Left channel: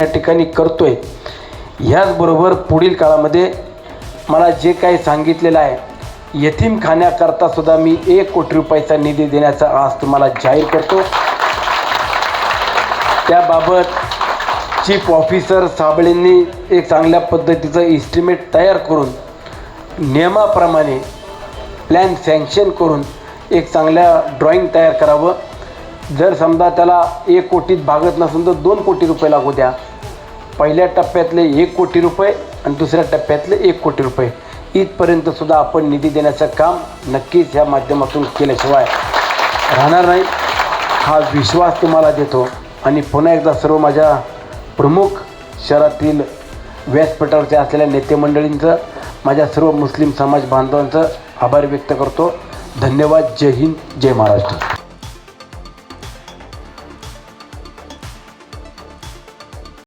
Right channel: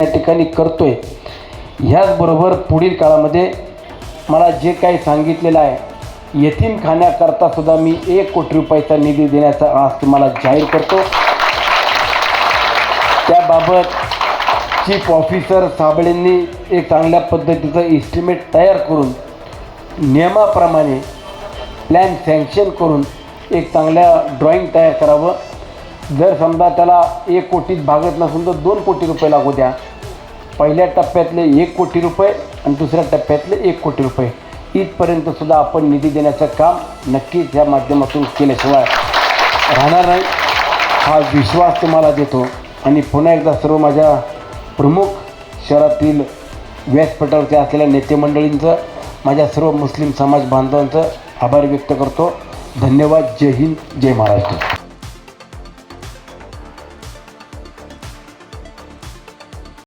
ठिकाणी करतोय. ह्याचबरोबर पुढील काळामध्ये मला जे काही सांगितलेलं आहे यतीमखान्याकरता सुद्धा मी एक कोटी रुपयाचा निधी देण्याचा आज तुम्हाला जाहीर करतो. त्याबाबत चीफ ऑफिसर साबळेंनी एक चांगल्या पद्धतीचं इस्टिमेट तयार करून नियमाप्रमाणे प्लॅन सँक्शन करून एक चांगल्या ड्रॉईंग तयार करावं. जर समजा त्याला एक कोटीत भागत नसून तर दोन कोटी रुपये लागू द्या. पहिल्या टप्प्यातले एक कोटी रुपये आणि दुसऱ्या टप्प्यातले एक कोटी रुपये. इथपर्यंत सुद्धा आपण निधी देण्याचं काम नक्कीच या माध्यमातून केल्याशिवाय राहणार नाही. हा विश्वास तुम्हाला देतो. आणि पुन्हा एकदा सर्व माझ्या प्रमुख शहरातील व्यासपीठावरचे असलेल्या नेतेमंडळींचं माझ्या सर्व मुस्लिम समाज बांधवांचं आभार व्यक्त करतो. धन्यवाद. जय हिंद. जय महाराष्ट्र.